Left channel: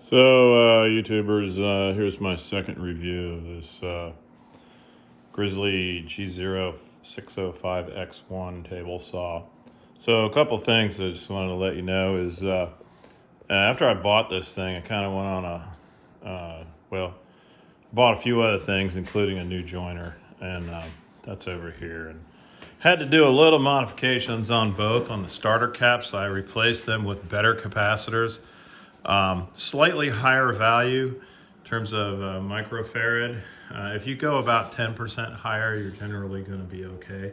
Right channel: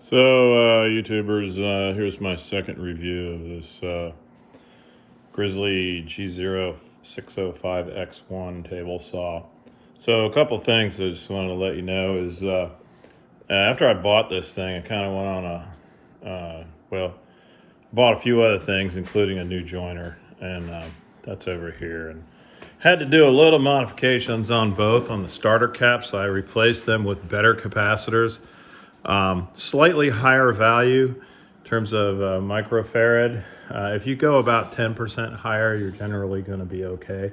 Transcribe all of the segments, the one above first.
So, YouTubers, here's my second review of this Grizzly G0605X1 table saw. So, a couple things I just wanted to let you know is after I bought this thing, I kind of went on bought a few other things, including a new joiner, and that's over here. And had to do a little modifications on both. On the starter caps, I replaced them with better capacitors. Slightly higher value in terms of microfarad. If you go about 10% higher, you're generally going to be okay.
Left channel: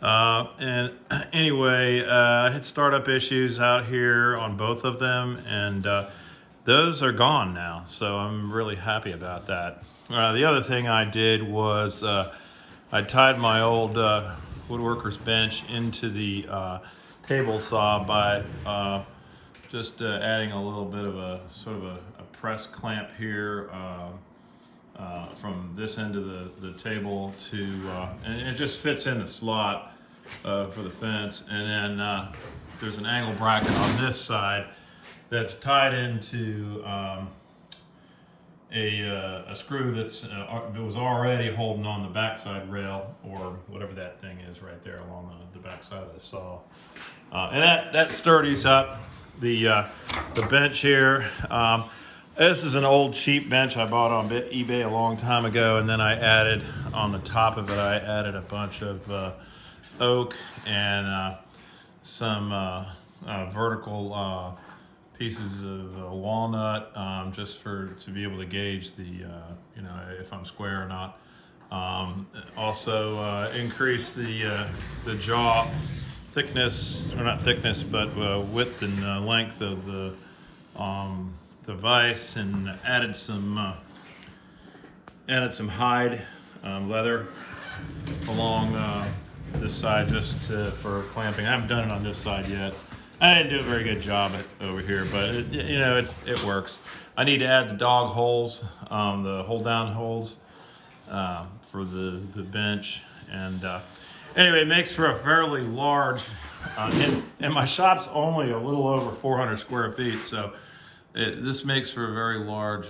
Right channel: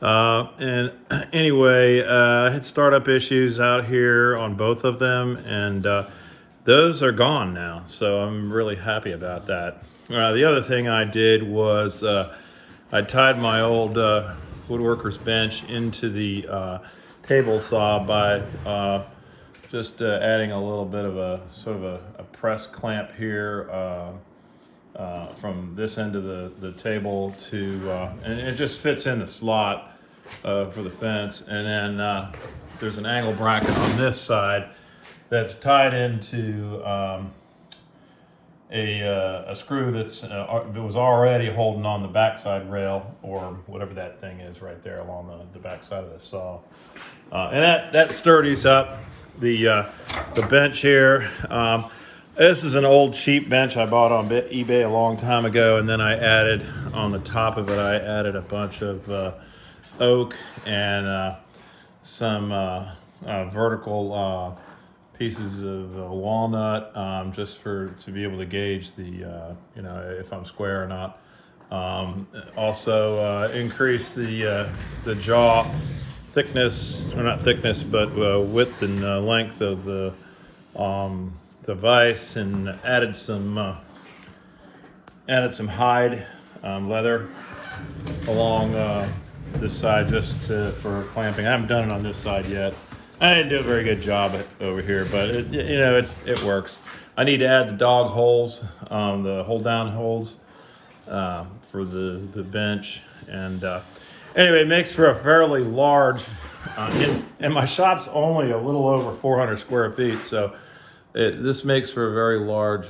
And anyway, I had startup issues out here on both of them, and those are gone now, so I'm really happy about that. The other thing I did was I tied my old woodworker's bench into the table saw by just adding a little bit of a sort of a press clamp here from this end of the table to, and it just fits in the slot for the fence. And then there's an angle bracket on this side that's tied into a screw that was already holding on the backside rail, or whatever that thing is right there along the backside of the saw. And that sturdies up the bench here. This is an old cheap bench I bought on eBay a long time ago, and then I added on the top of it, I added a bunch of oak and some vertical pieces of walnut, just to be able to gauge the if I'm square or not. Also increase the jaw thickness, or not thickness, but width and length of the vise, and added some hide leather along this side just for clamping. I haven't done it on this side yet. I didn't do a very good job over here, but it works. I need to add the dog holes, the hold down holes for the bench, and anyway, it makes for a fairly large, and my shop's only a little over 400 square feet, so this makes for a very large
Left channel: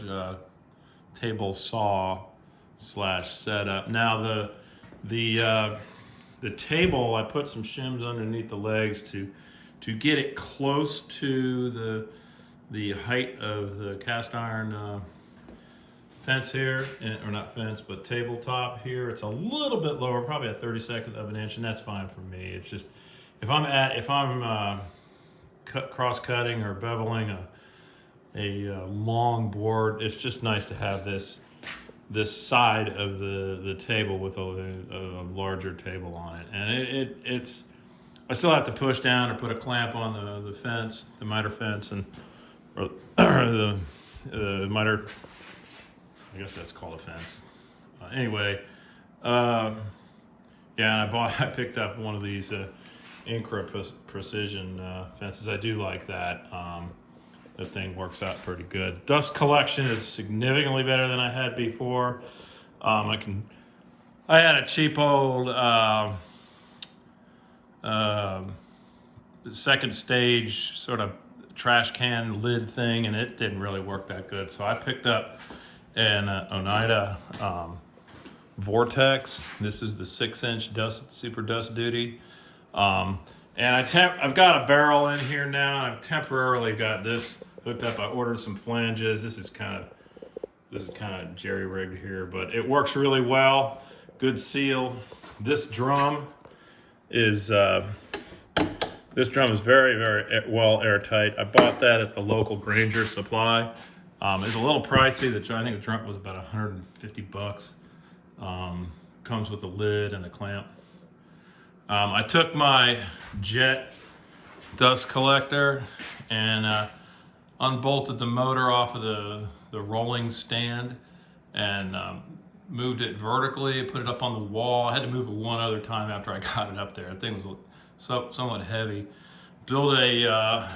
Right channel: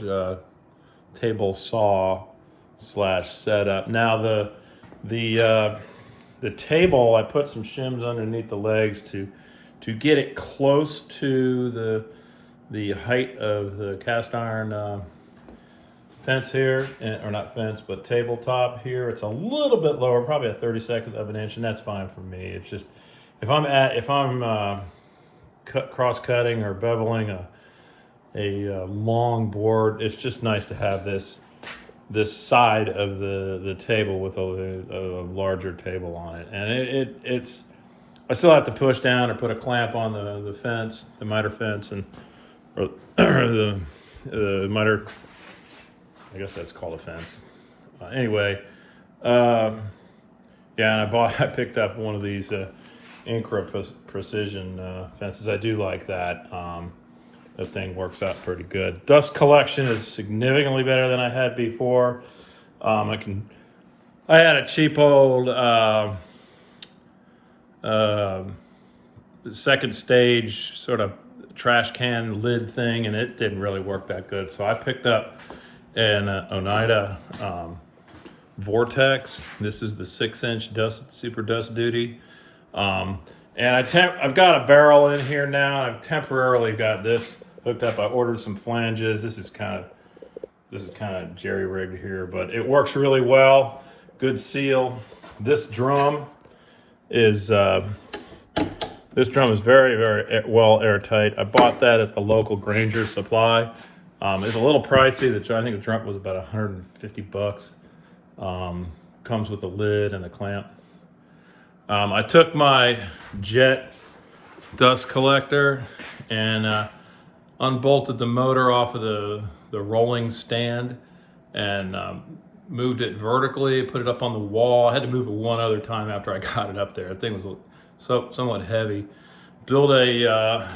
table saw slash setup. Now the table, I put some shims underneath the legs to get it close to the height of the cast iron fence here, or not fence, but tabletop here. It's a little bit lower, probably a 32nd of an inch, and that's fine for me. It's just if I'm cross-cutting or beveling a long board, it's just nice to have this side of the table with a larger table on it. And it's I still have to push down or put a clamp on the fence, the miter fence, or the miter, I guess that's called a fence. Anyway, yeah, and I picked up one of these Incra precision fences. I do like that. That thing works out pretty good. Dust collection is significantly better than I had before. I had a cheap old second stage sort of trash can lid thing, and it didn't really work that good. So I picked up an Oneida vortex. This is the 6-inch super dust duty. And I've got a barrel in here now. I've temporarily got this hooked up. I ordered some flanges. This is kind of jerry-rigged here, but it works really well. Good seal. This drum is very, very well airtight. I bought that at the local Granger Supply. It's a little pricey. I think the drum was about 150 bucks. Comes with a lid and a clamp. I took my jet dust collector and unbolted the motor off of the rolling stand, and moved it vertically, put it up on the wall. I had to move it one other time after I got it up there. The thing was somewhat heavy. Build a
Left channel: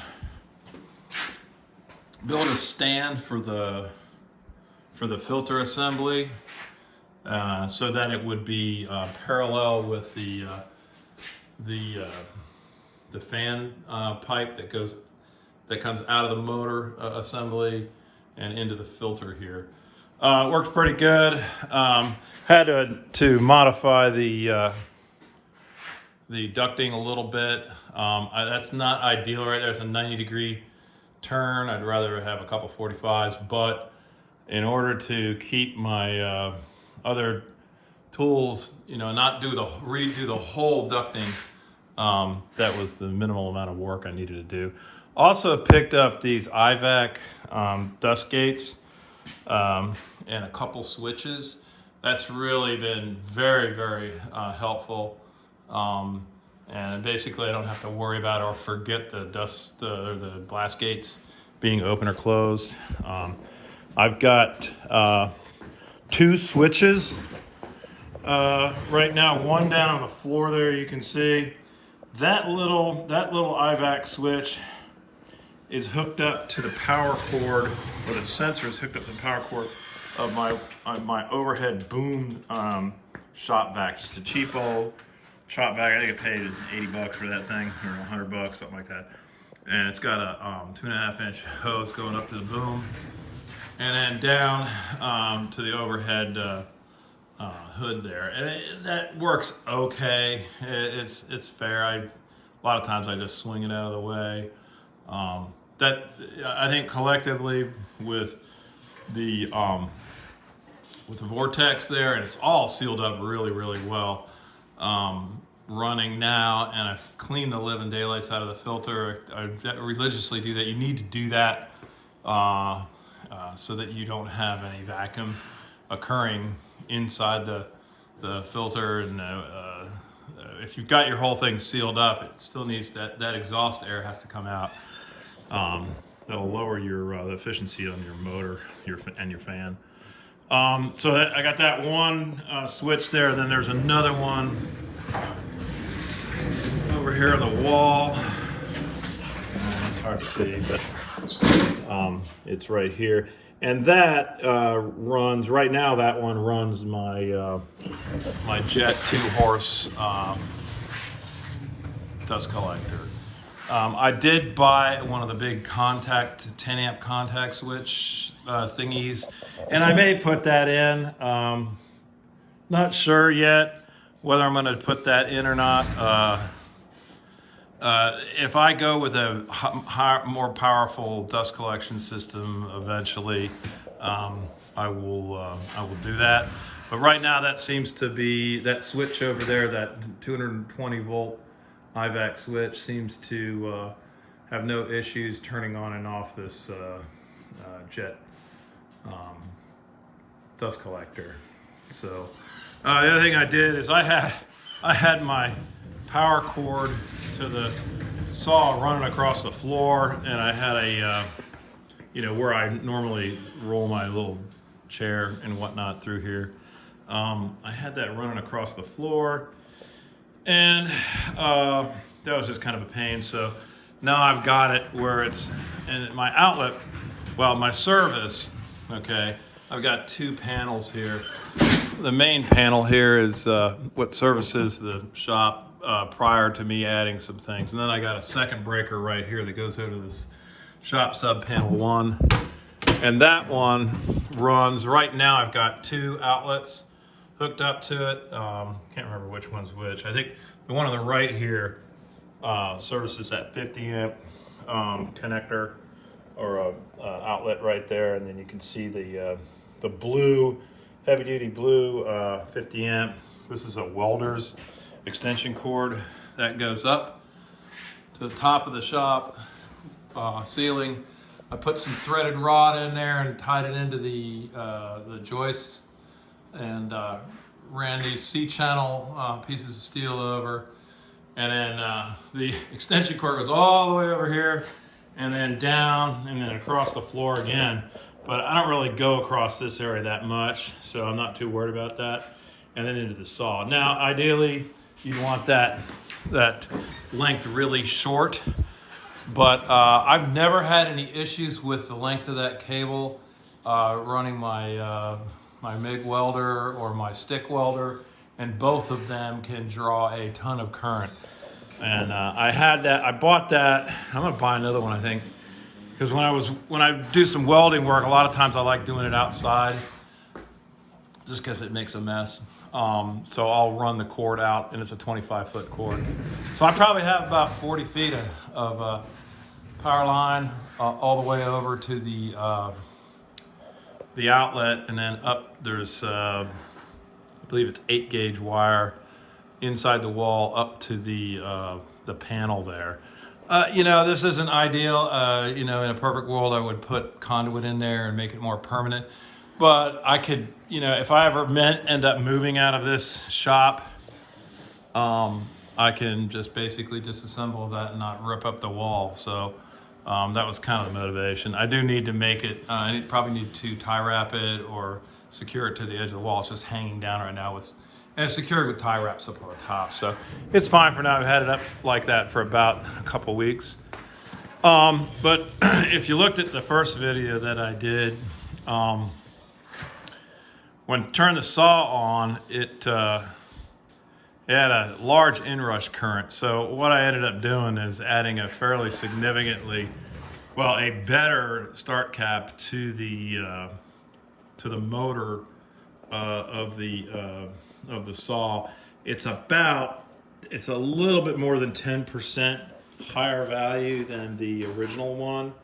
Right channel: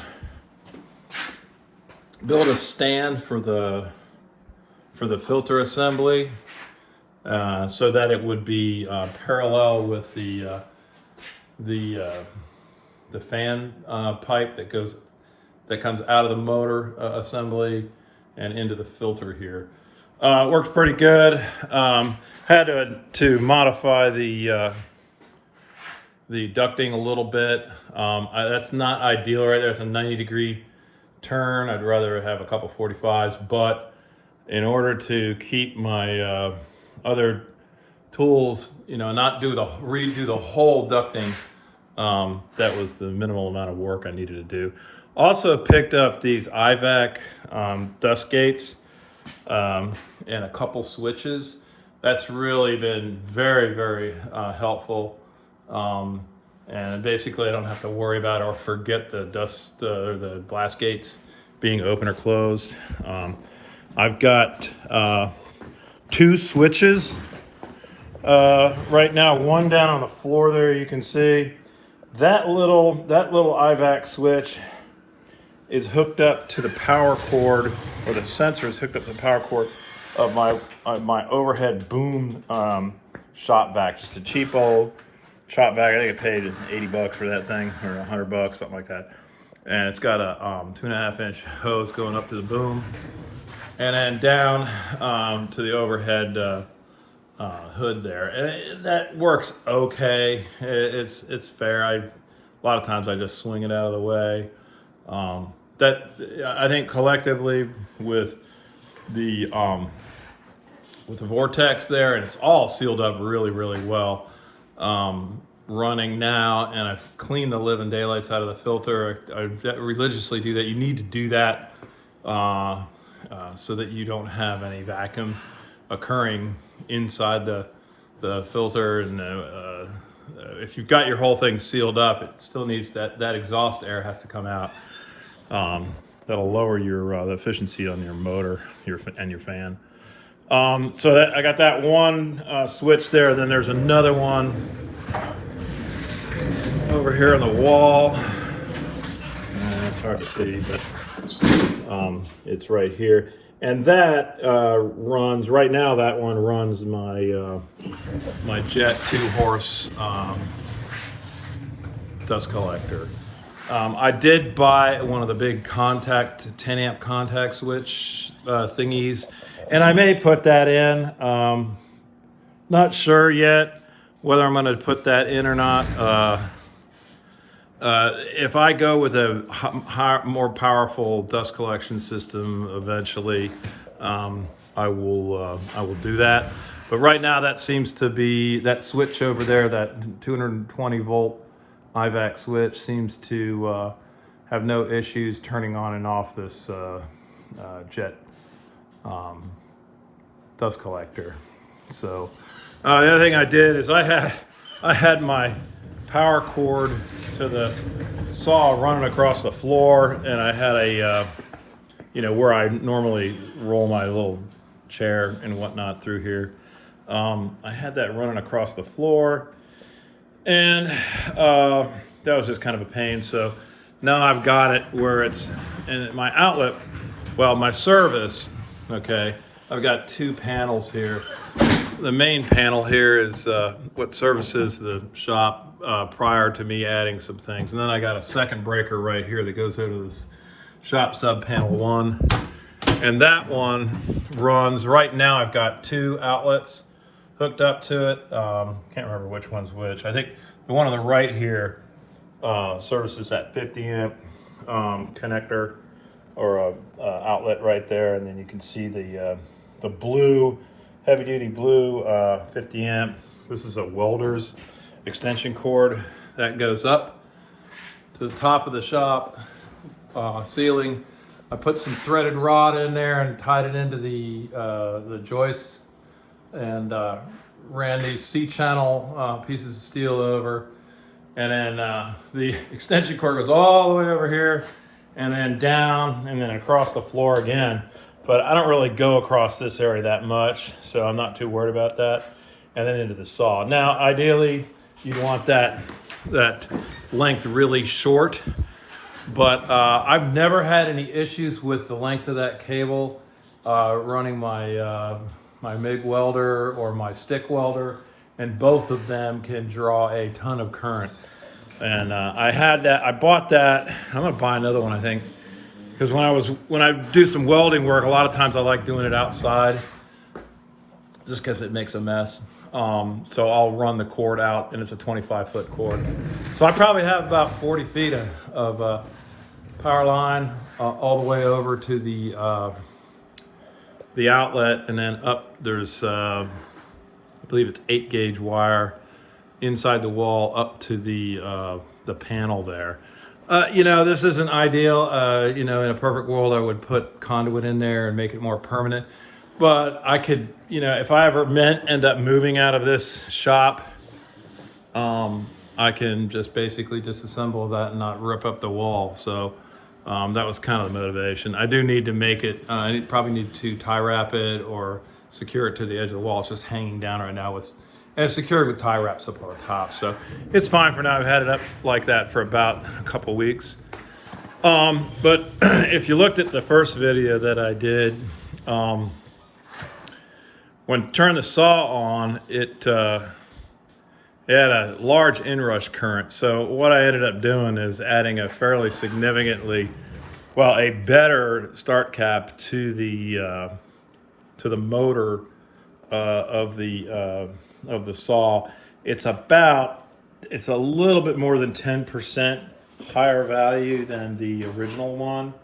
stand for the filter assembly, so that it would be parallel with the fan pipe that comes out of the motor assembly and into the filter here. It works pretty good. Had to modify the ducting a little bit. That's not ideal right there. It's a 90-degree turn. I'd rather have a couple 45s, but in order to keep my other tools, you know, not redo the whole ducting, that was the minimal amount of work I needed to do. Also picked up these IVAC dust gates and a couple switches. That's really been very, very helpful. And basically I don't have to worry about or forget the dust or the blast gates being open or closed. I've got 2 switches right now, one down on the floor there. You can see that little IVAC switch is hooked up to the power cord, or the sensor is hooked up to the power cord of my overhead boom shop vac. Just a cheap old shop vac. I think I paid $80 for that thing, or $100, something like that. And it's got a 2.5-inch hose going up to the boom, and then down to the overhead hood there. And that works okay. It's fair. A lot of times I just swing it out of the way. That I think collectively with the vortex there, and it's all sealed up really, really well. Running now, and I've cleaned the living daylights out of the filter. I religiously do that. You need to do that so that you don't have any vacuum occurring inside the filter. And if you've got your whole thing sealed up, it still needs that exhaust air has to come out. That'll lower your the efficiency on your motor and your fan. So that I got that one switch there. Then there's another one over here on the wall. It's hard to see. It's right here, and that runs right now. That one runs my my Jet 2-horse dust collector. I did buy one of the big 10 amp contact switch thingies, and I may put that in. Not sure yet whether I'm going to put that in or not. If I go with a more powerful dust collection system eventually, I will do that. But right now, that seems to be that switch over there, that 220 volt IVAC switch, seems to have no issues turning on and off this Jet dust collector. So the other thing I did is I had my power cord to the saw running across the floor, and I had a you know, where I normally roll my little chair and whatnot through here. I had that running across the floor, and that was just kind of a pain. So now I've got it where it's in my outlet, well, my service, okay, I've got 2 panels here. The main panel here is what services the shop prior to me adding some things. And then I got a second breaker right here that goes over this shop sub panel 1. And that one runs, right now I've got 2 outlets hooked up to it. Can't remember which one's which. I think the one on the right here services that 50 amp connector, or outlet right there. And then you can see the blue, heavy duty blue 50 amp. This is a welder's extension cord that goes up to the top of the shop ceiling. I put some threaded rod in there and tied it into the joists, and ran these C-channel pieces of steel over, and then the extension cord goes all the way over here, and then down, and then across the floor again. But I don't really go across this area that much, so I'm not too worried about that. And then into the saw. Now, ideally, you'd want that length really short, but I've never had any issues with the length of that cable running my my MIG welder or my stick welder, and both of them can draw a ton of current. And I bought that. I'm gonna buy another one, I think. Because when I do some welding work, a lot of times I like doing it outside, just because it makes a mess. So I'll run the cord out, and it's a 25-foot cord. So I probably have about 40 feet of power line all the way over to the outlet, and then up there's I believe it's 8-gauge wire inside the wall up to the panel there. You know, this isn't ideal. You know, in a perfect world, I would put conduit in there and make it more permanent. But I could, you know, if I ever end up moving out of this shop, I can just basically disassemble that and not rip up the wall. So that was kind of the motivation. I do need to make it, I probably need to tie wrap it or secure it to the edge of the wall. It's just hanging down right now and it's secured with tie wraps up on the top. So it's fine for now. I've had it up like that for about a couple weeks. But if you looked at the first video that I did, when turn the saw on, it had a large inrush current. So what I ended up doing is adding a fairly significantly, well, a better start cap to the motor of the saw. It's a little bit more than 10% higher value than the original one.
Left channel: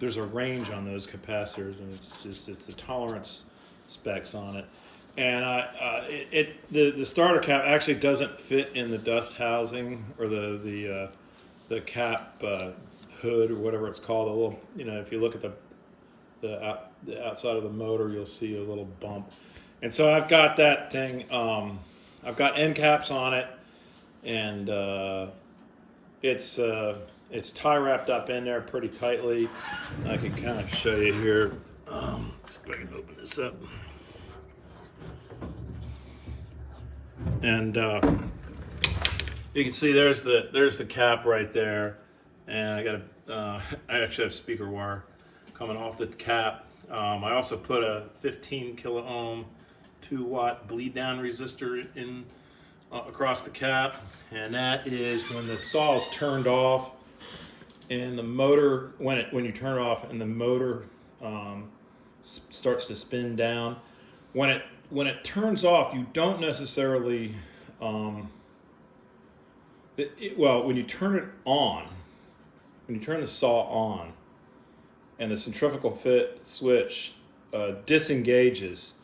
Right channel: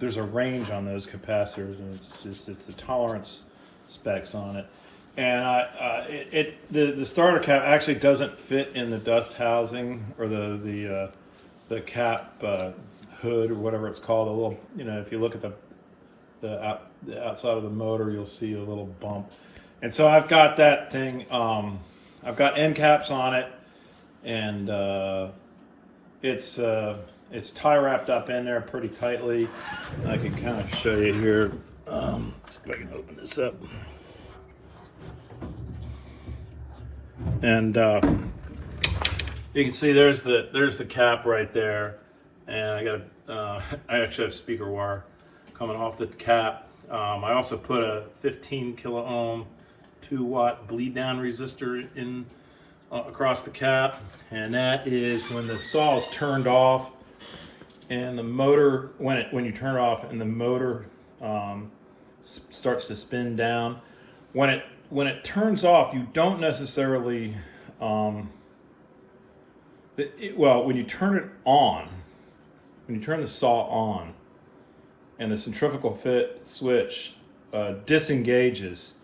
There's a range on those capacitors, and it's the tolerance specs on it. And the starter cap actually doesn't fit in the dust housing or the cap hood or whatever it's called. A little, you know, if you look at the outside of the motor, you'll see a little bump. And so I've got that thing. I've got end caps on it, and it's tie wrapped up in there pretty tightly. I can kind of show you here. Let's see if I can open this up. And you can see there's the cap right there, and I actually have speaker wire coming off the cap. I also put a 15 kilo ohm 2-watt bleed down resistor in across the cap, and that is when the saw is turned off and the motor, when you turn it off and the motor starts to spin down. When it turns off, you don't necessarily when you turn it on, when you turn the saw on and the centrifugal fit switch disengages,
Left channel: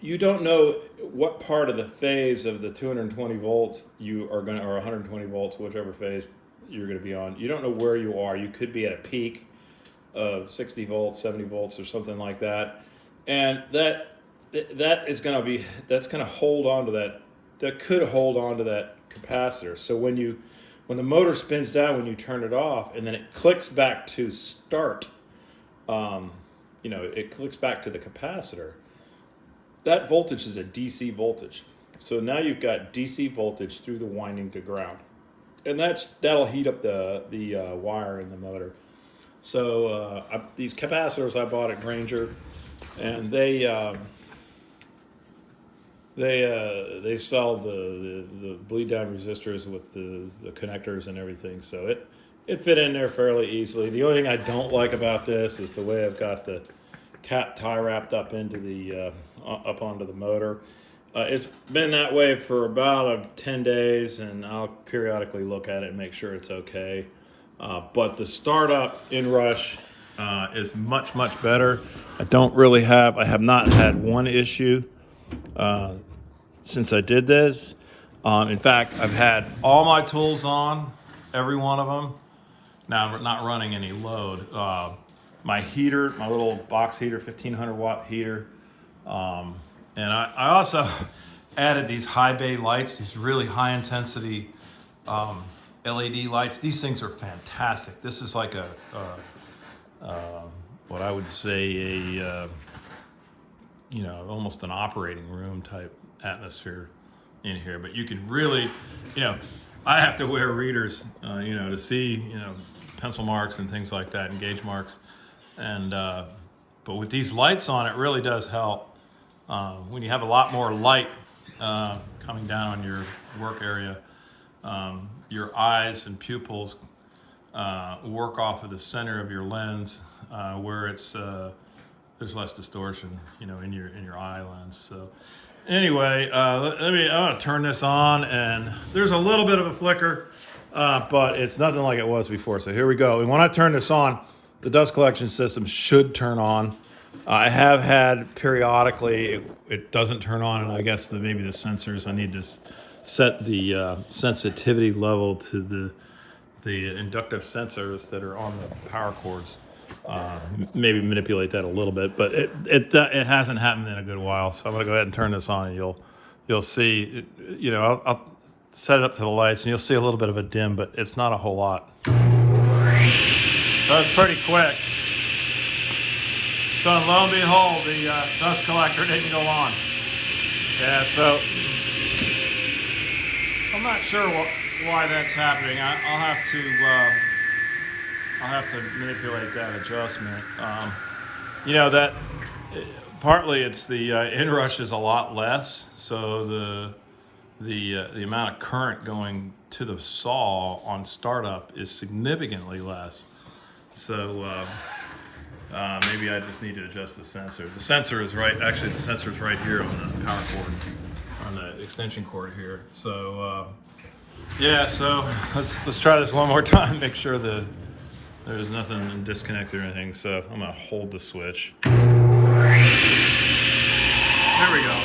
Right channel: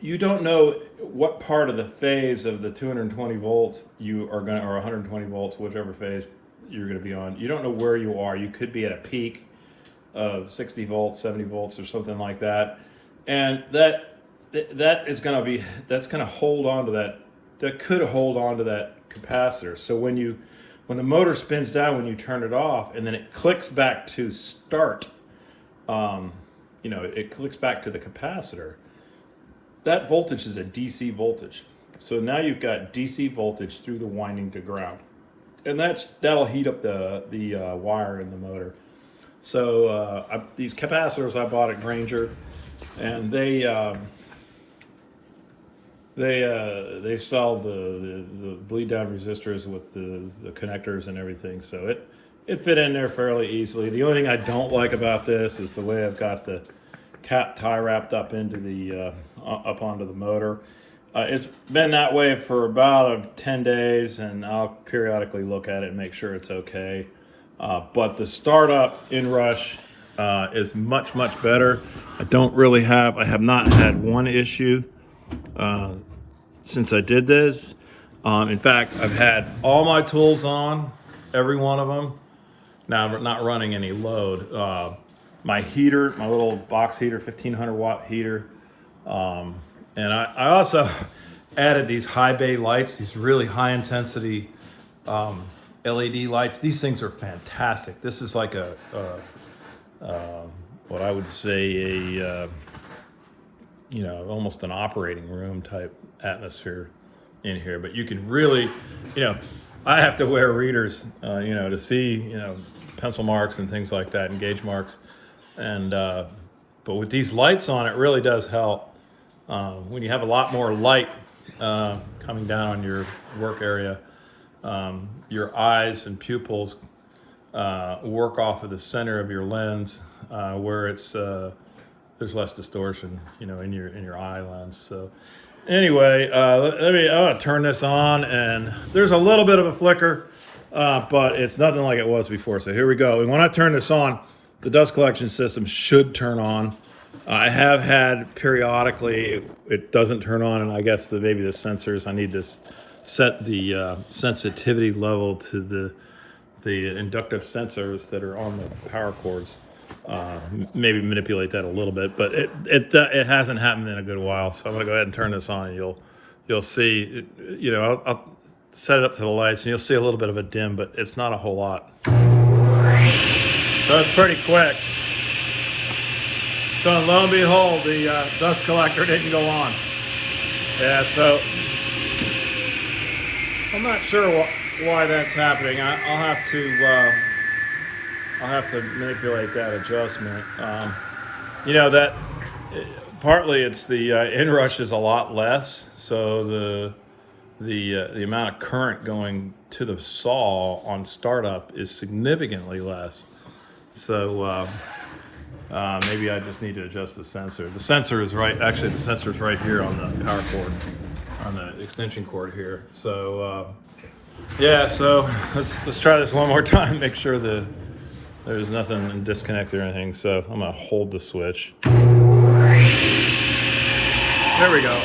you don't know what part of the phase of the 220 volts you are going to, or 120 volts, whichever phase you're going to be on. You don't know where you are. You could be at a peak of 60 volts, 70 volts, or something like that. And that's going to hold on to that. That could hold on to that capacitor. So when the motor spins down, when you turn it off, and then it clicks back to start, it clicks back to the capacitor. That voltage is a DC voltage. So now you've got DC voltage through the winding to ground. And that'll heat up the wire in the motor. So these capacitors I bought at Granger, and they sell the bleed down resistors with the connectors and everything. So it fit in there fairly easily. The only thing I don't like about this is the way I've got the cap tie wrapped up into the up onto the motor. It's been that way for about 10 days, and I'll periodically look at it and make sure it's okay. But the startup inrush is much better. I have not had one issue since I did this. In fact, I've had all my tools on, every one of them. Now I'm not running any load. My heater, my little box heater, 1500 watt heater. And I also added these high bay lights, these really high intensity LED lights. These things are fantastic. This is like what I would say almost an operating room type atmosphere in here. But you can really, I have to wear readers, to see, pencil marks and things like that, and gauge marks. And but with these lights on, it really does help. When you have a lot more light coming down on your work area, your eyes and pupils work off of the center of your lens where it's there's less distortion, you know, in your eye lens. So anyway, I'll turn this on, and there's a little bit of a flicker, but it's nothing like it was before. So here we go. And when I turn this on, the dust collection system should turn on. I have had periodically it doesn't turn on, and I guess maybe the sensors, I need to set the sensitivity level to the inductive sensors that are on the power cords. Maybe manipulate that a little bit, but it hasn't happened in a good while. So I'm gonna go ahead and turn this on, and you'll see. You know, I'll set it up to the lights, and you'll see a little bit of a dim, but it's not a whole lot. So it's pretty quick. So lo and behold, the dust collector didn't go on. Yeah, so I'm not sure why that's happening. I'll have to manipulate that adjustment. You know, that partly it's the inrush is a lot less, so the amount of current going to the saw on startup is significantly less. So maybe I just need to adjust the sensor. The sensor is right. Actually, the sensor is right here on the power cord, on the extension cord here. So yeah, so let's try this one more time. Make sure that there's nothing disconnected or anything. So I'm gonna hold the switch. There we go.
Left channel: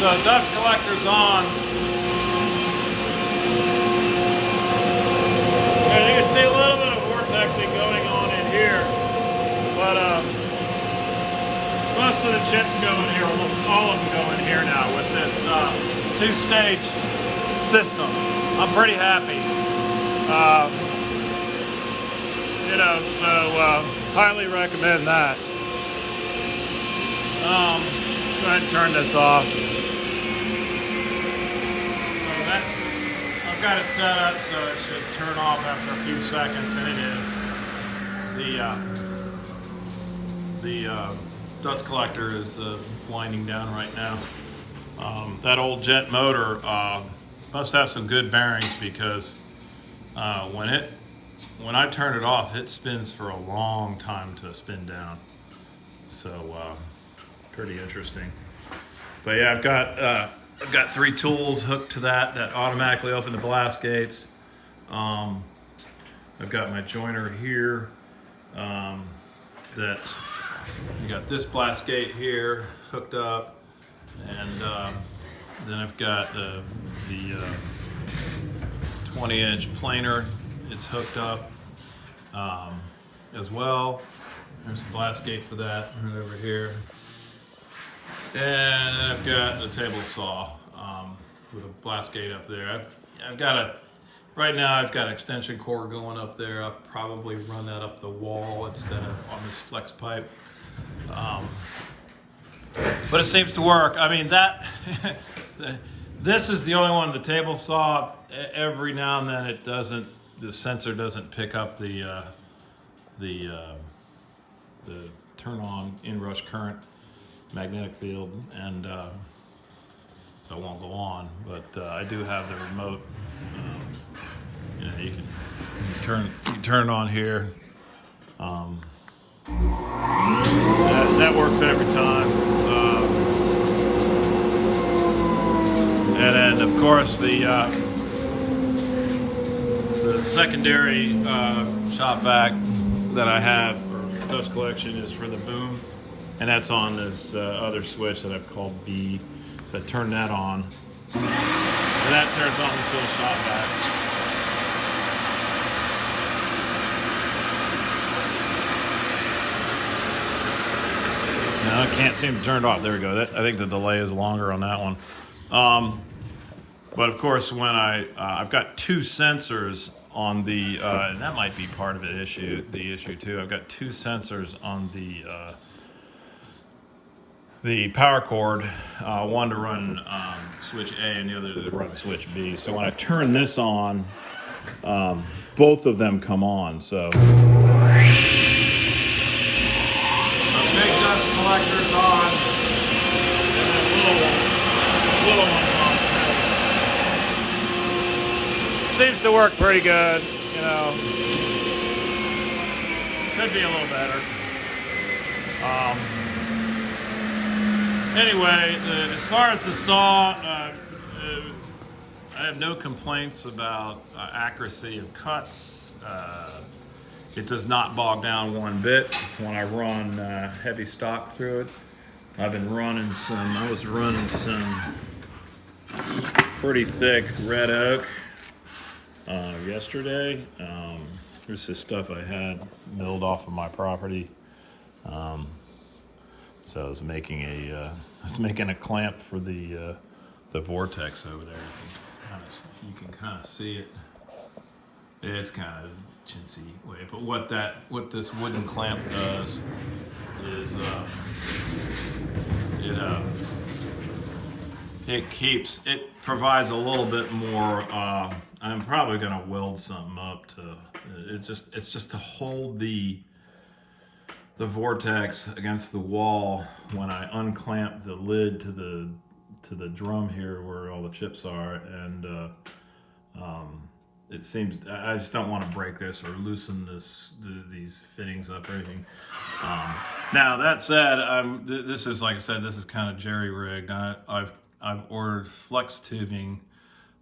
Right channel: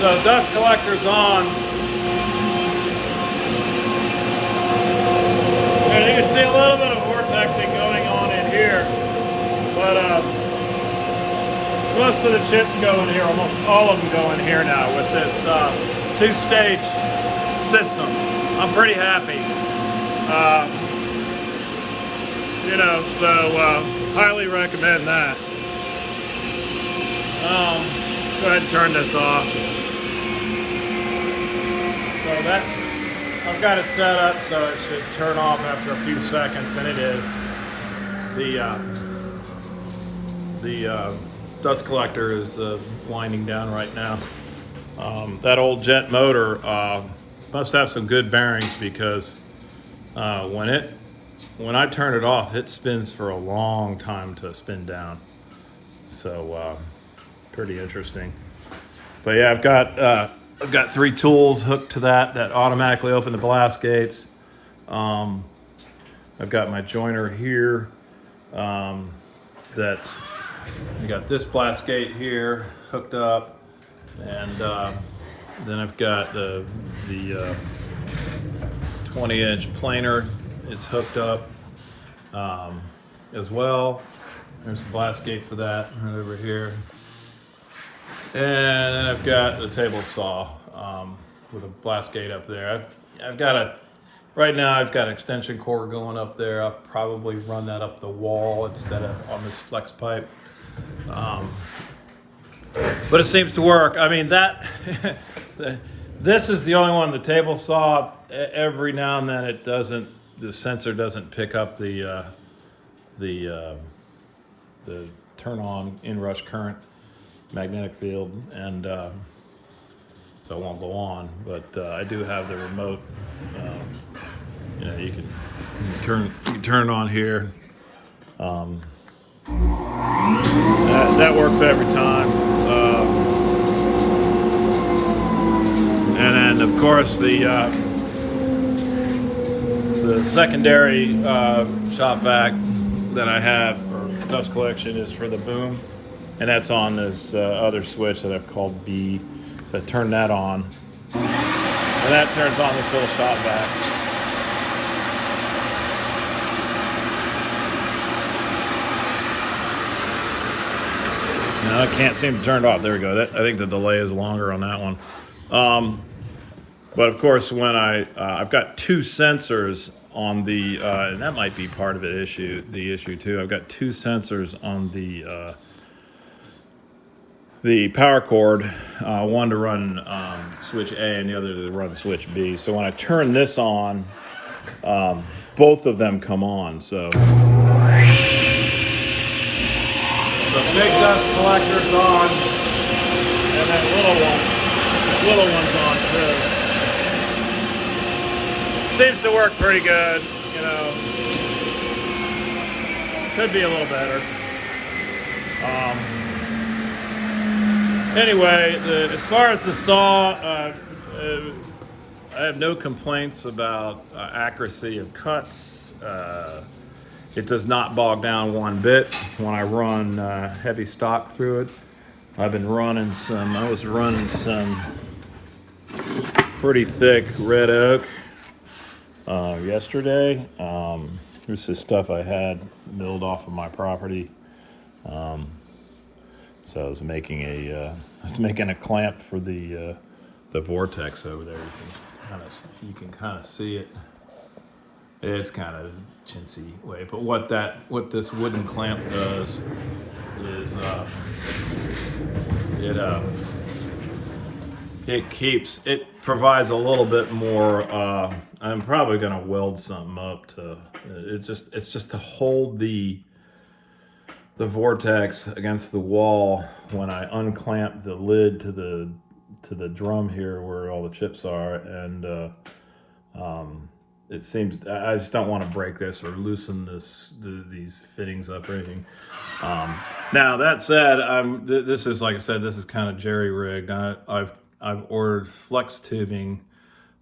So dust collector's on. And you can see a little bit of vortexing going on in here. But most of the chips go in here, almost all of them go in here now with this two-stage system. I'm pretty happy. You know, so highly recommend that. Go ahead and turn this off. So that, I've got it set up so it should turn off after a few seconds, and it is. The dust collector is winding down right now. That old jet motor must have some good bearings, because when I turn it off, it spins for a long time to spin down. So pretty interesting. But yeah, I've got 3 tools hooked to that automatically open the blast gates. I've got my joiner here. I got this blast gate here hooked up, and then I've got the 20-inch planer. It's hooked up as well. There's the blast gate for that right over here. And I've got the table saw with a blast gate up there. Right now I've got an extension cord going up there. I'll probably run that up the wall instead of on this flex pipe. But it seems to work. I mean, this is the only one, the table saw. Every now and then the sensor doesn't pick up the turn on inrush current magnetic field, and so it won't go on. But I do have the remote. You know, you can turn on here. That works every time. And then, of course, the secondary shop vac that I have, or dust collection, is for the boom, and that's on this other switch that I've called B. So I turn that on, and that turns on this little shop vac. No, I can't seem to turn it off. There we go. I think the delay is longer on that one. But of course, when I've got 2 sensors on the, and that might be part of the issue too. I've got 2 sensors on the power cord, one to run switch A and the other to run switch B. So when I turn this on, both of them come on. So big dust collector's on, and then little one's on too. Seems to work pretty good, you know. Could be a little better. Anyway, as far as the saw, I have no complaints about accuracy of cuts. It does not bog down one bit when I run heavy stock through it. I was running some pretty thick red oak yesterday. This is stuff I had milled off of my property. So I was making a clamp for the vortex over there. You can kind of see it. It's kind of chintzy way, but what this wooden clamp does is it provides a little bit more. I'm probably going to weld something up to it's just to hold the vortex against the wall when I unclamp the lid to the drum here where all the chips are, and it seems I just don't want to break this or loosen these fittings up or anything. Now that said, this is, like I said, this is kind of jerry rigged. I've ordered flex tubing.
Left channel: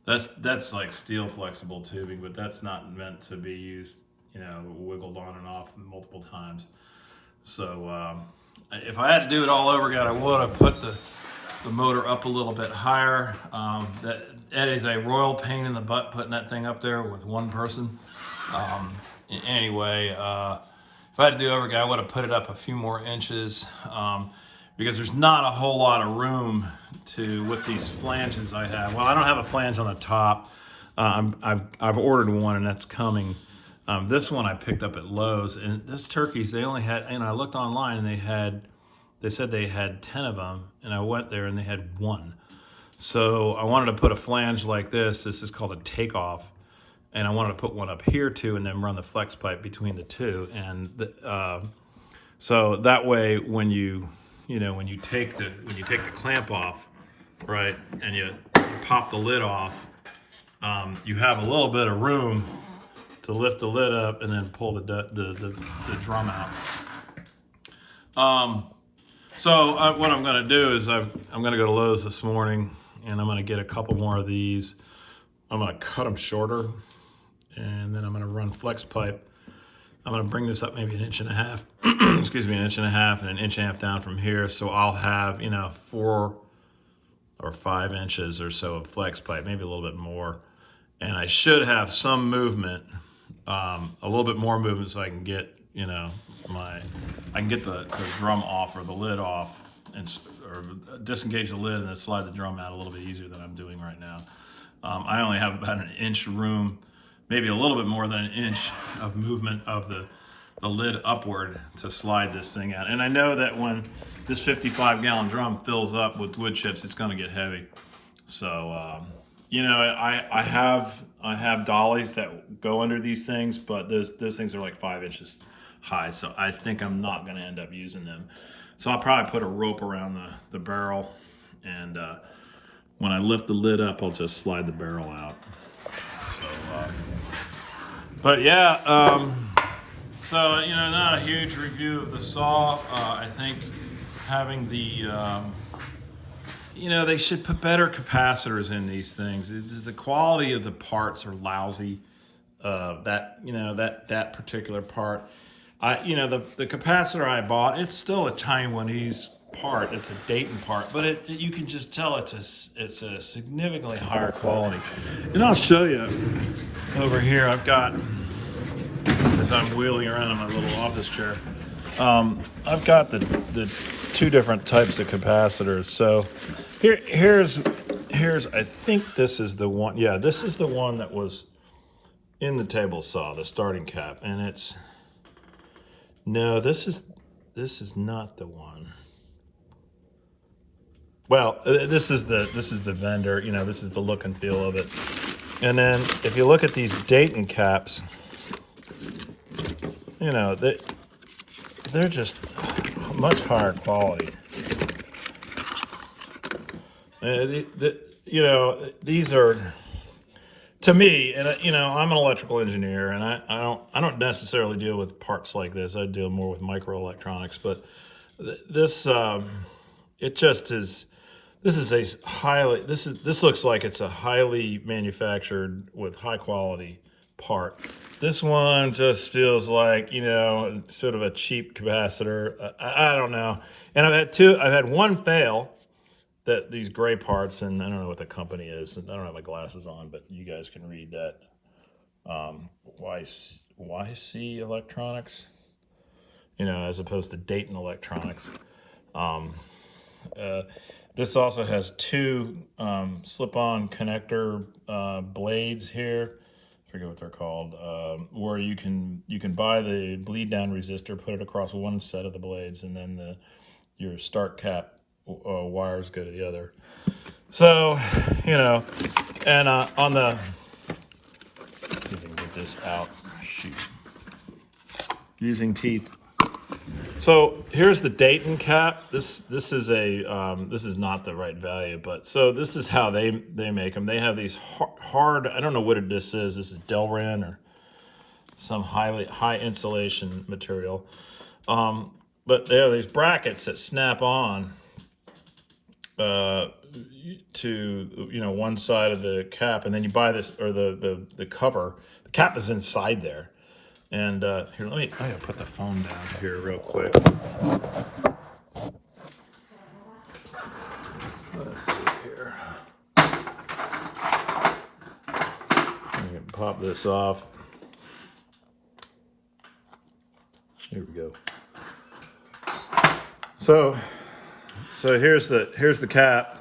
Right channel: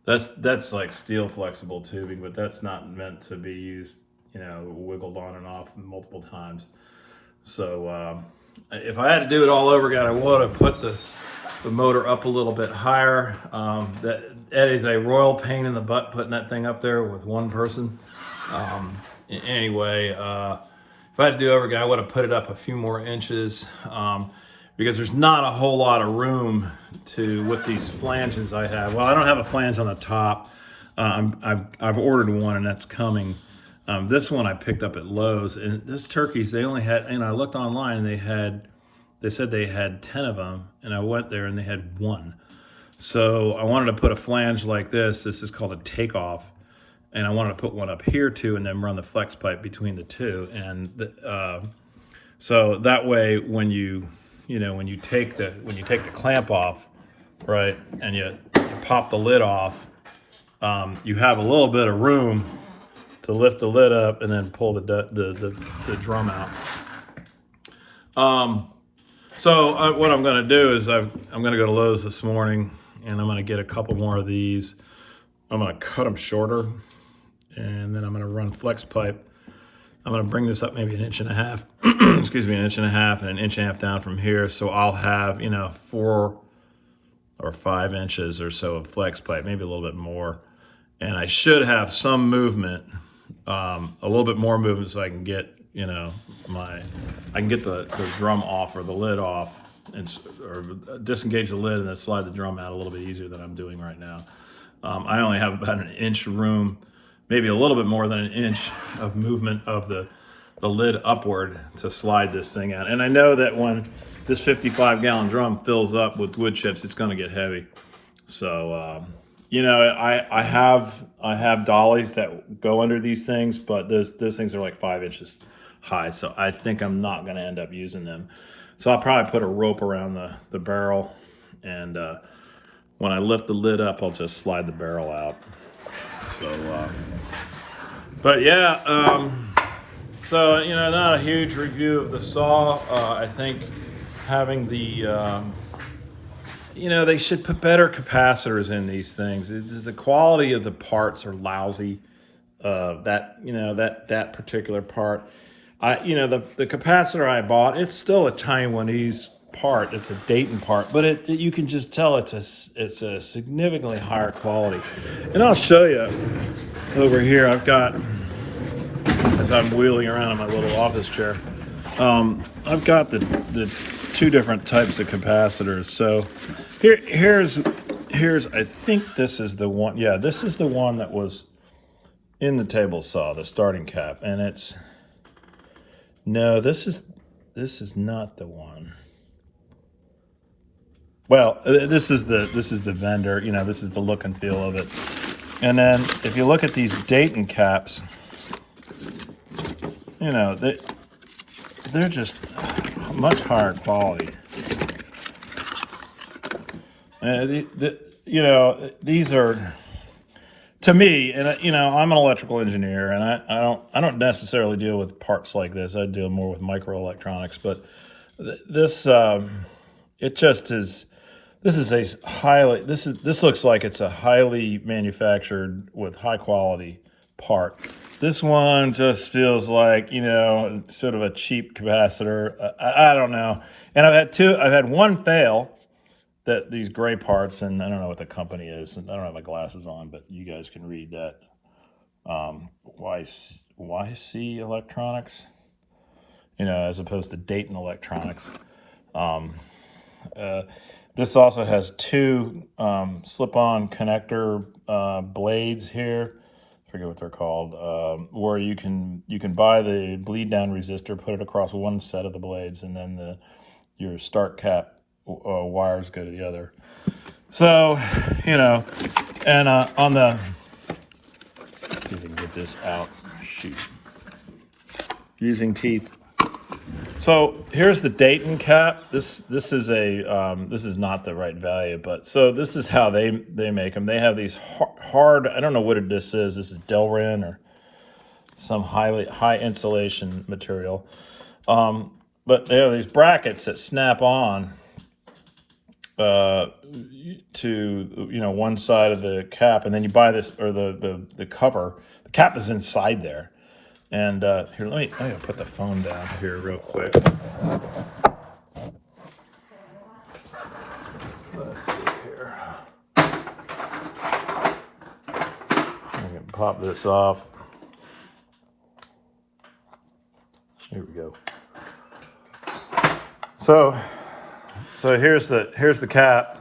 That's like steel flexible tubing, but that's not meant to be used, wiggled on and off multiple times. So if I had to do it all over again, I would have put the motor up a little bit higher. That is a royal pain in the butt putting that thing up there with one person. Anyway, if I had to do it over again, I would have put it up a few more inches because there's not a whole lot of room with these flanges I have. Well, I don't have a flange on the top. I've ordered one and that's coming. This one I picked up at Lowe's, and this turkeys, they only had, I looked online and they said they had 10 of them, and I went there and they had one. So I wanted to put a flange like this. This is called a takeoff, and I wanted to put one up here too, and then run the flex pipe between the two. And so that way, when you take the clamp off, right, and you pop the lid off, you have a little bit of room to lift the lid up and then pull the drum out. So what I'm going to do is I'm going to go to Lowe's this morning, and I'm going to get a couple more of these. I'm going to cut them shorter, and then I'm going to run flex pipe. I'm going to bring this up maybe 1.5 inches, excuse me, 1.5 inches and 1.5 inches down from here. So I'll have, 4 or 5 inches or so of flex pipe, maybe a little bit more. And I should have some movement, a little bit more movement, so I can get, I can get the drum off or the lid off, or disengage the lid and then slide the drum out a little bit easier than I'm doing right now. I only have about 1 inch room, maybe a little bit more than 1 inch of movement of the lid upward to slide this thing out. And I know that when this 55-gallon drum fills up with wood chips, it's going to get heavy. So, I have dollies that go under these things, but those things are like 5 inches high. So I think I'm not going to end up using them. So I'll probably put a rope around the barrel, and when I lift the lid up, I'll just slide the barrel out. So, but yeah, so, not a huge review of the saw. I think having the, they should put better capacitors in these things. The quality of the parts are lousy. That particular part. The capacitor I bought, it's still a Taiwanese part. It's a Dayton part, but you can just tell it's a significantly higher quality. And I'll show you over here. I've got, as I'm wheeling around in my little office chair, I've got the 2 different types of capacitors. So here's I think this is the one. Yeah, this is the one that was in the table saw, the starting cap, and this is not the one. Well, this is the vendor. This is the look and feel of it. And then if you look at these Dayton caps, they're just much higher quality. These to me, and you know, I'm an electrical engineer, and I don't necessarily deal with parts like this. I deal more with microelectronics, but this it just is. This is a highly. This looks like it's a highly manufactured with high quality part. This one just feels like, you know, sort of a cheap capacitor. I don't know. And I've had one fail. That these gray parts, and I don't know what the company is, and I don't have my glasses on, but you guys can read that. YC Electronics, you know, as opposed to Dayton Electronics. This also has two slip-on connector blades here. I forget what they're called. Where you can buy the bleed down resistor, put it across one set of the blades, and then your start cap wires go to the other. So, you know, and on the, let's see if we can get this out. Shoot. Using teeth. So here's the Dayton cap. This is a this is not the right value, but so this is how they make them. They have these hard. I don't know what this is. This is Delrin or some high insulation material. But they have these brackets that snap on to, you know, one side of the cap, and then you buy this, or the cover. The cap is inside there. And here, let me put the phone down here real quick. Let's see here. I can pop this off. Here we go. So here's the cap.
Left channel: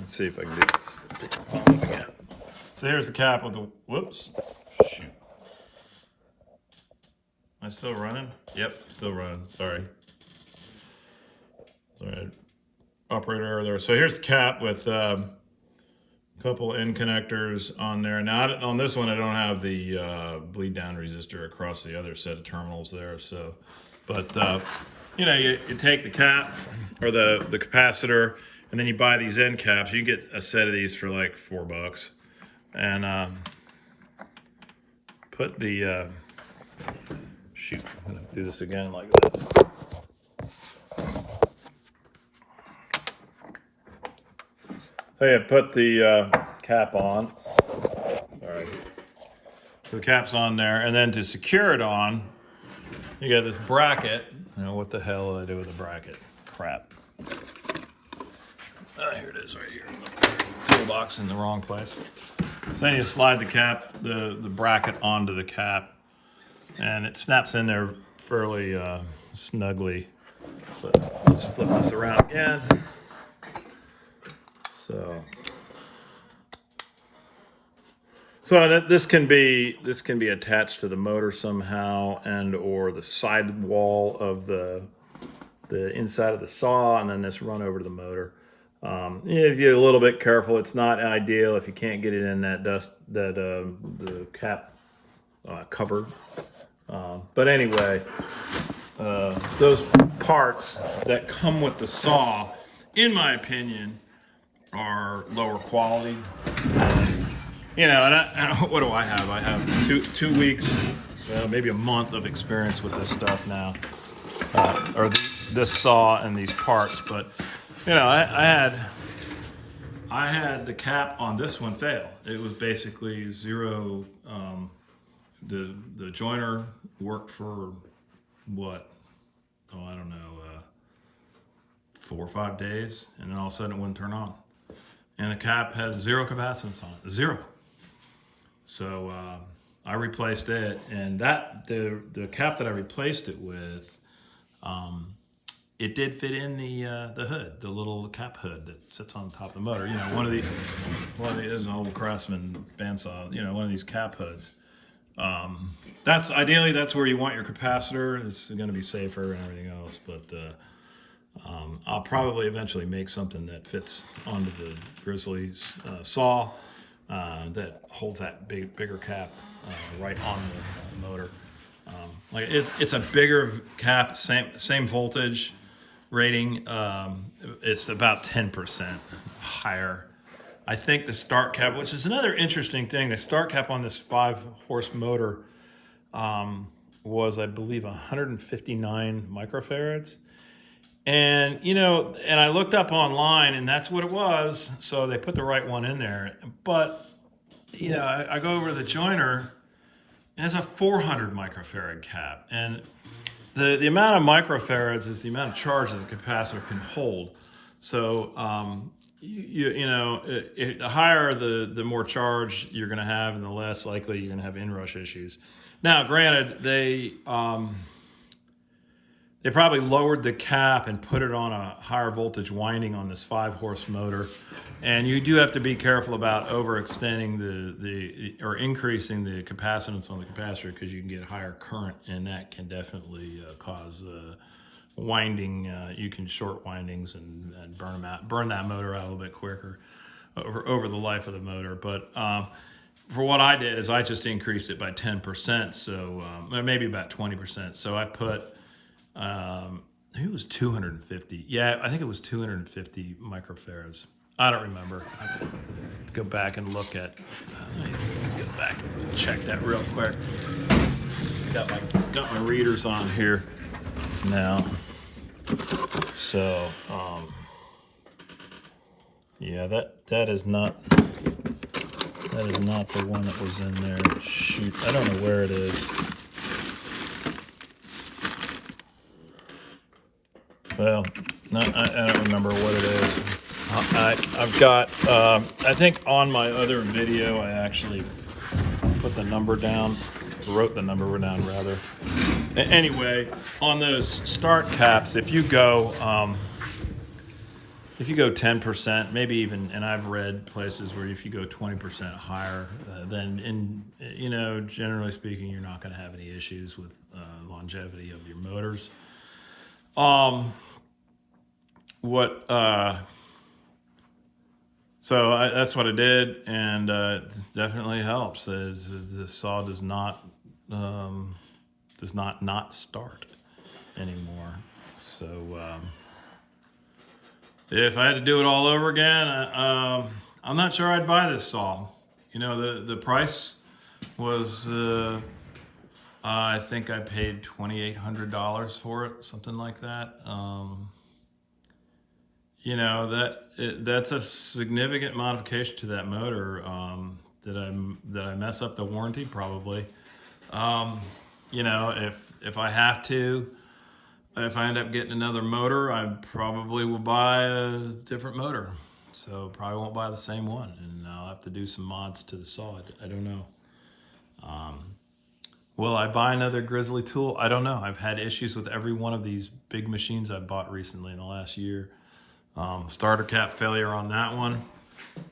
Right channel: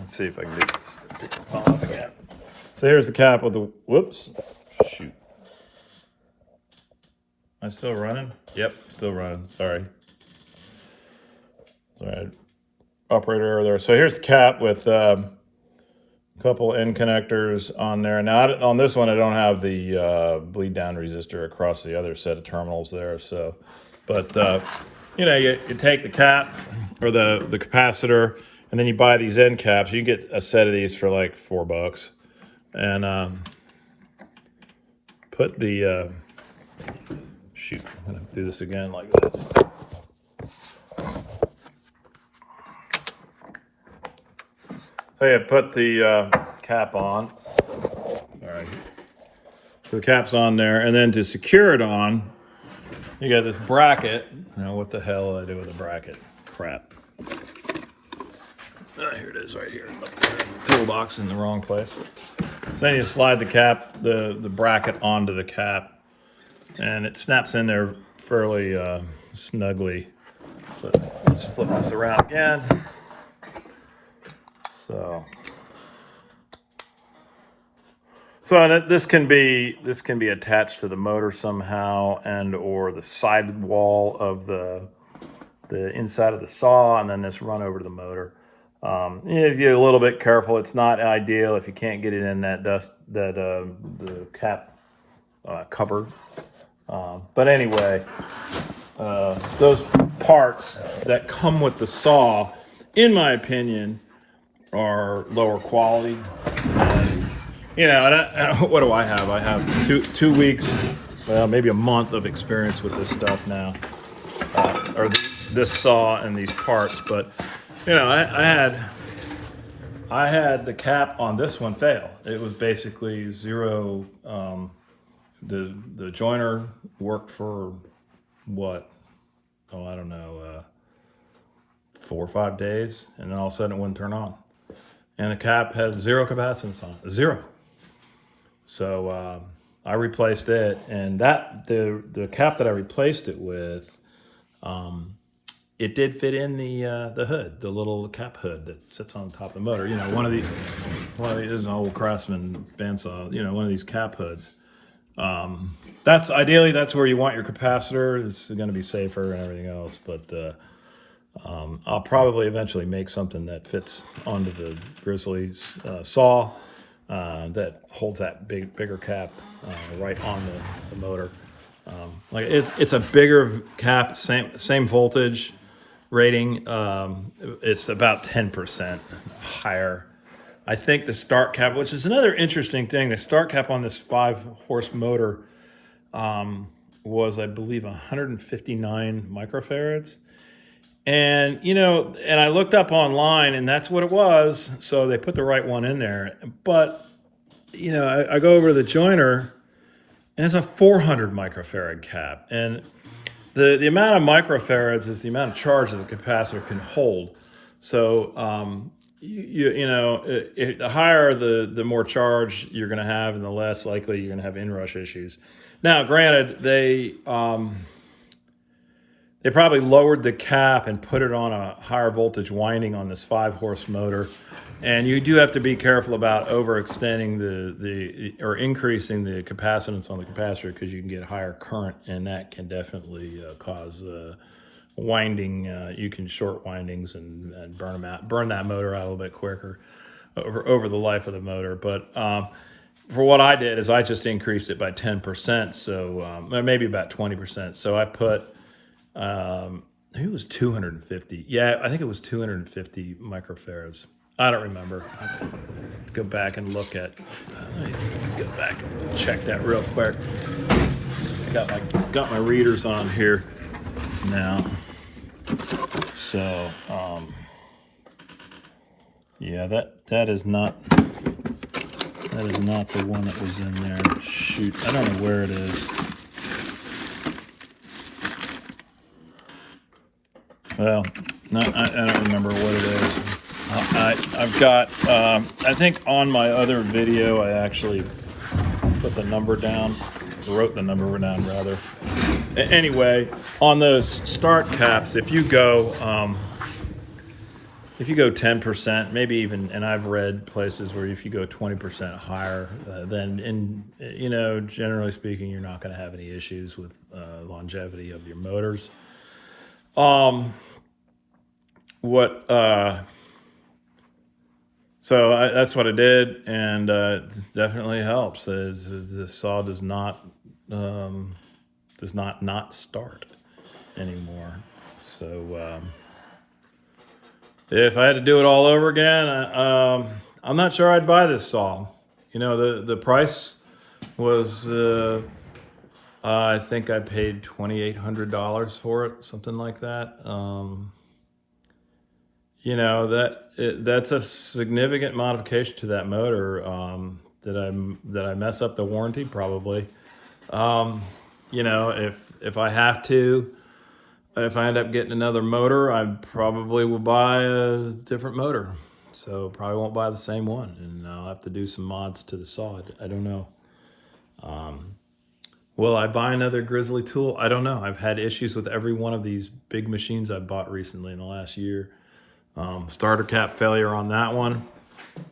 Let's see if I can get this off again. So here's the cap with the, whoops, shoot. Am I still running? Yep, still running, sorry. All right, operator error there. So here's the cap with a couple end connectors on there. Now on this one, I don't have the bleed down resistor across the other set of terminals there. So, but you know, you take the cap or the capacitor, and then you buy these end caps. You can get a set of these for like $4, and put the shoot. I'm gonna do this again like this. So you put the cap on. All right. So the cap's on there, and then to secure it on, you got this bracket. Now, what the hell did I do with the bracket? Crap. Here it is, right here. Toolbox in the wrong place. So then you slide the cap, the bracket onto the cap, and it snaps in there fairly snugly. So let's flip this around again. So this can be attached to the motor somehow, and or the side wall of the inside of the saw, and then this run over to the motor. If you're a little bit careful, it's not ideal if you can't get it in the cap cover. But anyway, those parts that come with the saw, in my opinion, are lower quality. You know, and what do I have? I have two weeks, maybe a month of experience with this stuff now, or this saw and these parts. But you know, I had the cap on this one fail. It was basically zero. The joiner worked for what? Oh, I don't know, 4 or 5 days, and then all of a sudden it wouldn't turn on. And the cap had zero capacitance on it, zero. So I replaced it, and the cap that I replaced it with, it did fit in the hood, the little cap hood that sits on top of the motor. You know, one of these is an old Craftsman bandsaw. You know, one of these cap hoods. That's ideally where you want your capacitor. It's going to be safer and everything else, but I'll probably eventually make something that fits onto the Grizzly saw that holds that bigger cap right on the motor. Like it's a bigger cap, same voltage rating. It's about 10% higher. I think the start cap, which is another interesting thing, the start cap on this 5-horse motor was, I believe, 159 microfarads. And, you know, and I looked up online and that's what it was. So they put the right one in there. But, you know, I go over to the joiner and it's a 400 microfarad cap. And the amount of microfarads is the amount of charge that the capacitor can hold. So, you know, the higher the more charge you're going to have, and the less likely you're going to have inrush issues. Now, granted, they probably lowered the cap and put it on a higher voltage winding on this 5-horse motor, and you do have to be careful about overextending or increasing the capacitance on the capacitor, because you can get higher current, and that can definitely cause winding. You can short windings and burn them out, burn that motor out a little bit quicker over the life of the motor. But for what I did is I just increased it by 10%, so maybe about 20%. So I put, I think it was 250. Yeah, I think it was 250 microfarads. I don't remember. Let's go back and look at. Go back and check that real quick. Got my readers on here now. So yeah, that is not the one that was in there. Shoot, I don't know where it is. Well, I don't remember what it is. I've got, I think on my other video, I actually put the number down, wrote the number down rather. Anyway, on those start caps, if you go 10%, maybe even, and I've read places where if you go 20% higher, then, you know, generally speaking, you're not going to have any issues with longevity of your motors. So that's what I did, and it definitely helps. The saw does not start anymore. So if I had to do it all over again, I'm not sure I'd buy this saw. You know, the price was I think I paid $2,800 for it, something like that. You know, that's a significant modification to that motor. Did I mess up the warranty? Probably. You know, if I have to, if I end up getting another motor, I probably will buy a different motor. So probably won't buy the same one, and I'll have to do some mods to the saw. I don't know. Will I buy another Grizzly Tool? I don't know. I've had issues with every one of these big machines I've bought recently in the last year. Starter cap failure on that one.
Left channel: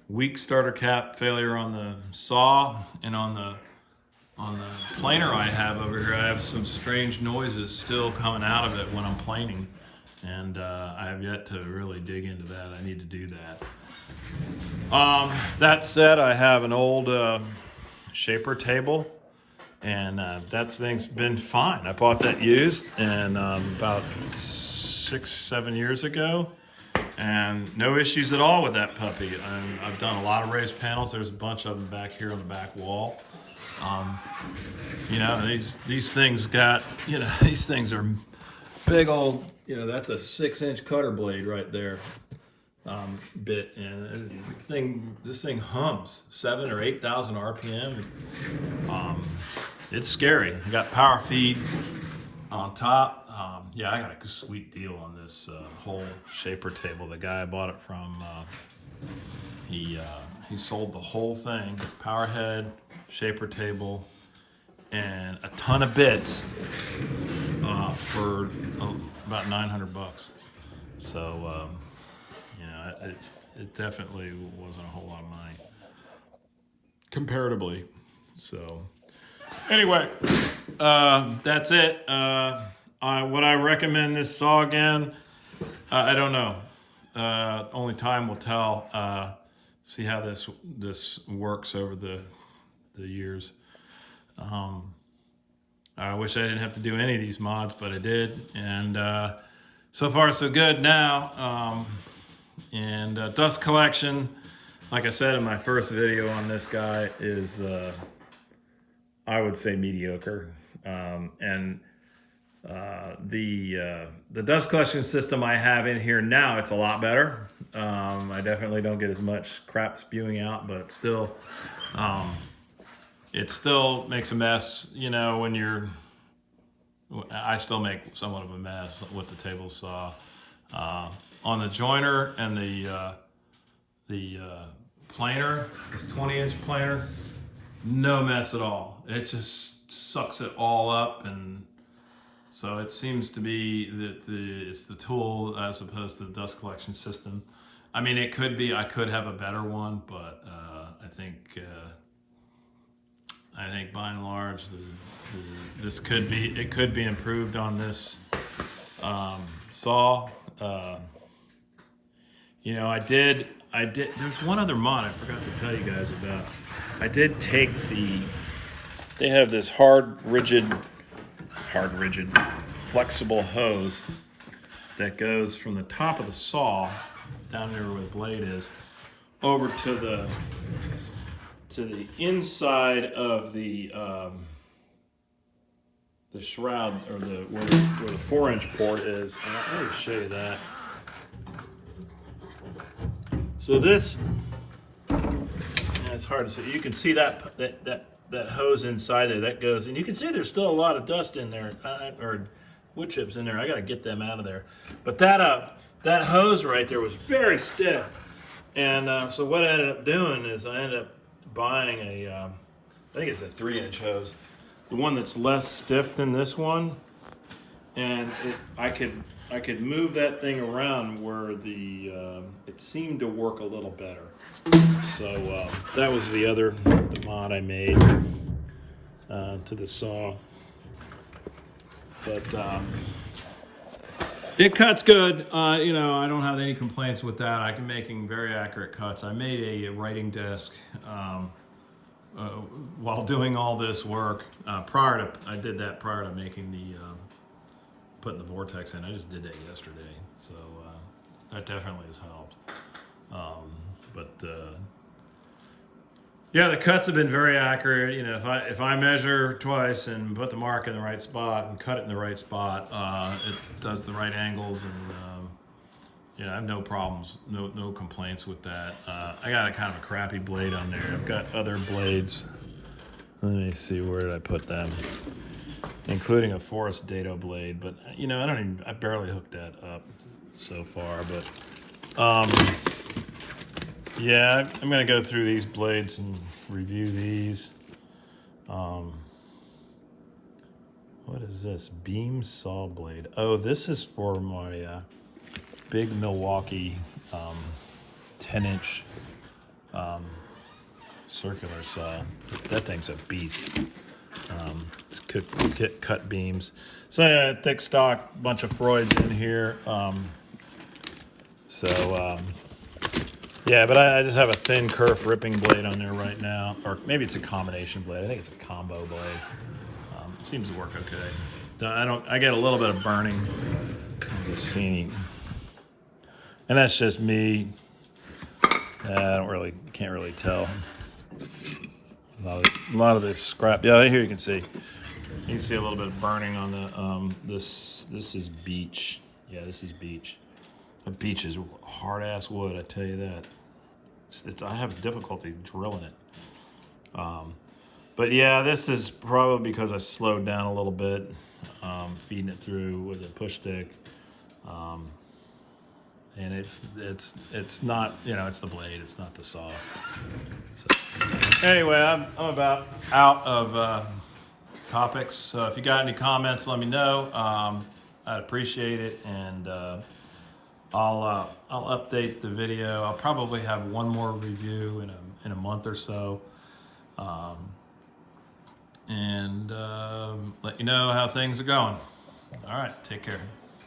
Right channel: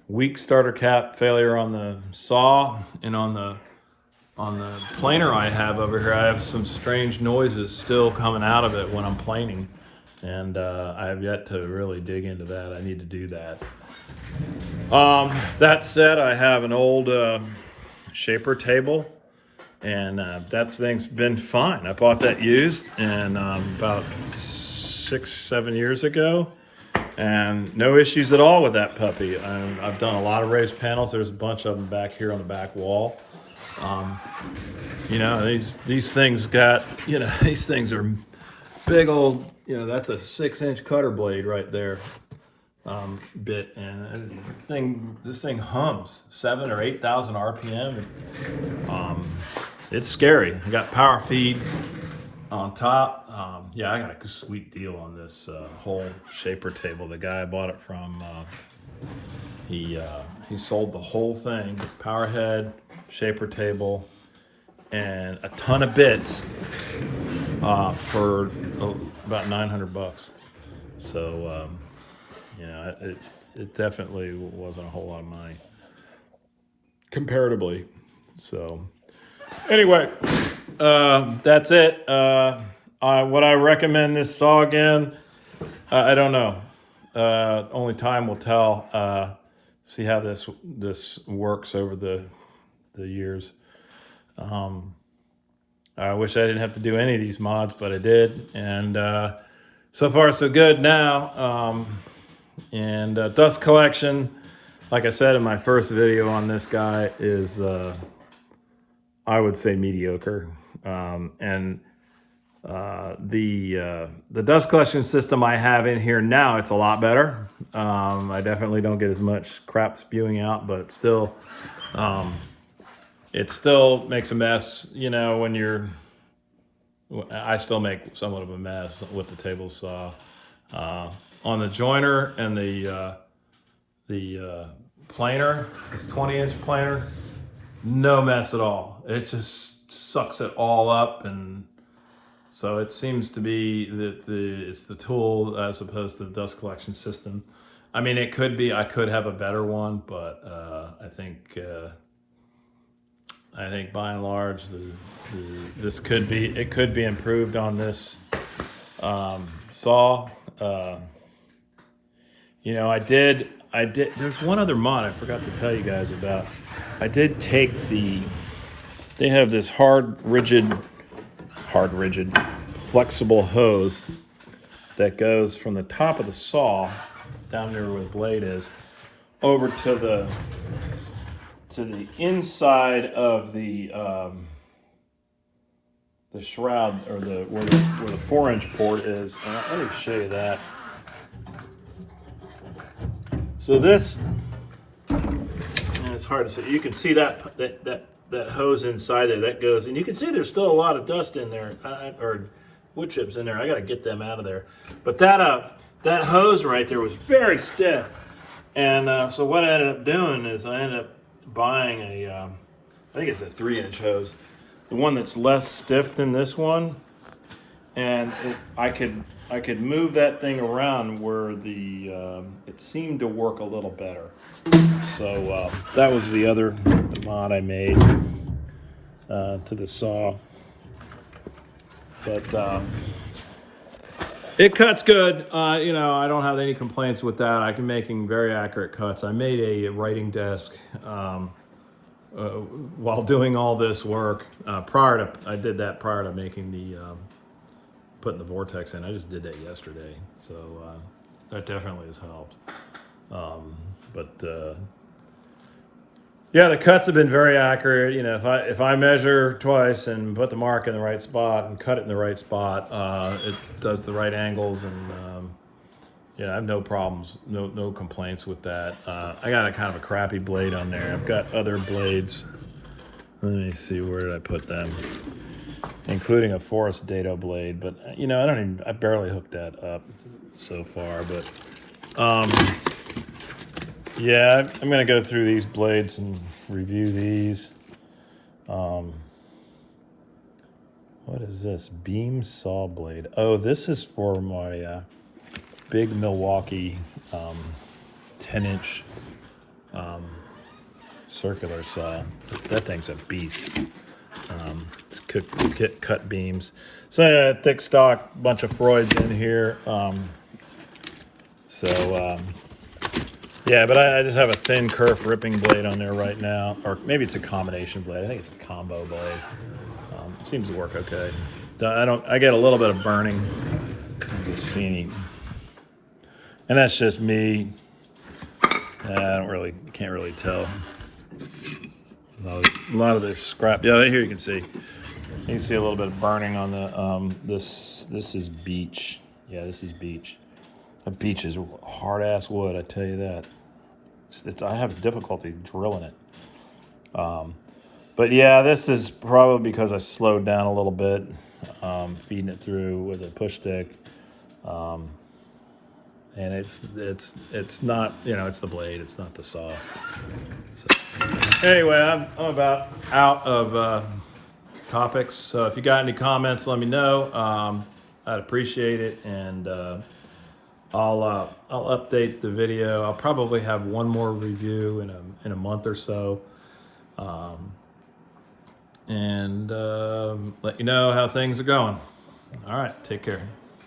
Weak starter cap failure on the saw, and on the planer I have over here, I have some strange noises still coming out of it when I'm planing, and I have yet to really dig into that. I need to do that. That said, I have an old shaper table, and that thing's been fine. I bought that used, and about 6-7 years ago, and no issues at all with that puppy. I've done a lot of raised panels. There's a bunch of them back here on the back wall. You know, these things got, you know, these things are big old, you know, that's a 6-inch cutter blade right there, bit, and this thing hums 7,000 or 8,000 RPM. It's scary. I got power feed on top. Yeah, I got a sweet deal on this whole shaper table. The guy I bought it from, he sold the whole thing, power head, shaper table, and a ton of bits for about $900. So, you know, it definitely wasn't a whole lot of money comparatively. So anyway, that's it. Would I recommend this saw again? I don't know. Only time will tell. See how this works over the years. I wish I didn't have to do any of these mods, but I did, and so far so good now. And dust collection, like I said in my first video on this guy, is I would say mediocre. And the dust collection system I have in here now, it's a lot better. I definitely don't get as much crap spewing out, but still, it still makes a mess, you know, when you're, I still make somewhat of a mess with the table saw. On the joiner and the planer, this 20-inch planer, no mess at all. It just sucks it all up, and so it seems to be that it's the tool as opposed to the dust collection system. I mean, it could be, I could have a better one, but I think by and large, this could be, it could be improved on this saw. You know, I did, there's one other mod I forgot to tell you guys about. I did take they have this hard, rigid, flexible hose that goes from the top of the saw down there where the blade is over to the inside of the shroud, or where the 4-inch port is. Let me show you that. So this, and it's hard to see. You can see that hose inside there that goes, and you can see there's still a lot of dust in there, or wood chips in there. I got to get them out of there. But that hose right there was very stiff, and so what I ended up doing is I ended up buying I think it's a 3-inch hose, the one that's less stiff than this one, and I could move that thing around where it seemed to work a little better. So that was the other mod I made to the saw. But it cuts good. You know, I don't have any complaints with that. I'm making very accurate cuts. I made a writing desk while doing all this work. I did that prior to making putting the vortex in. I just did that yesterday, so that definitely has helped. Yeah, the cuts have been very accurate. You know, if I measure twice and put the mark in the right spot and cut it in the right spot, it does the right angles, and yeah, I have no problems, no complaints with that. I got a kind of a crappy blade on there. I've got other blades. Let me see, where did I put them? Including a Forest Dado blade, but you know, I barely hooked that up so far, but yeah, I'm gonna go through these blades and review these. What is this? Beam saw blade. Oh, this is for my big Milwaukee 10-inch circular saw. That thing's a beast. It's cut beams. So I got a thick stock, bunch of Freuds in here. Yeah, but I just have a thin kerf ripping blade on there right now, or maybe it's a combination blade. I think it's a combo blade. It seems to work okay. I get a little bit of burning. You can see any, and that's just me. Can't really tell. A lot of this scrap. Yeah, here you can see. You can see a little bit of burning on the this is beech. Yeah, this is beech. A beech is hard ass wood, I tell you that. I have difficulty drilling it. But yeah, this is probably because I slowed down a little bit, feeding it through with a push stick. And it's not, you know, it's the blade, it's not the saw. So, anyway, I'm about out of topics. So if you got any comments, let me know. I'd appreciate it, and I'll update the video. I'll probably have one more review in a month or so, and let you know how things are going. All right, take care.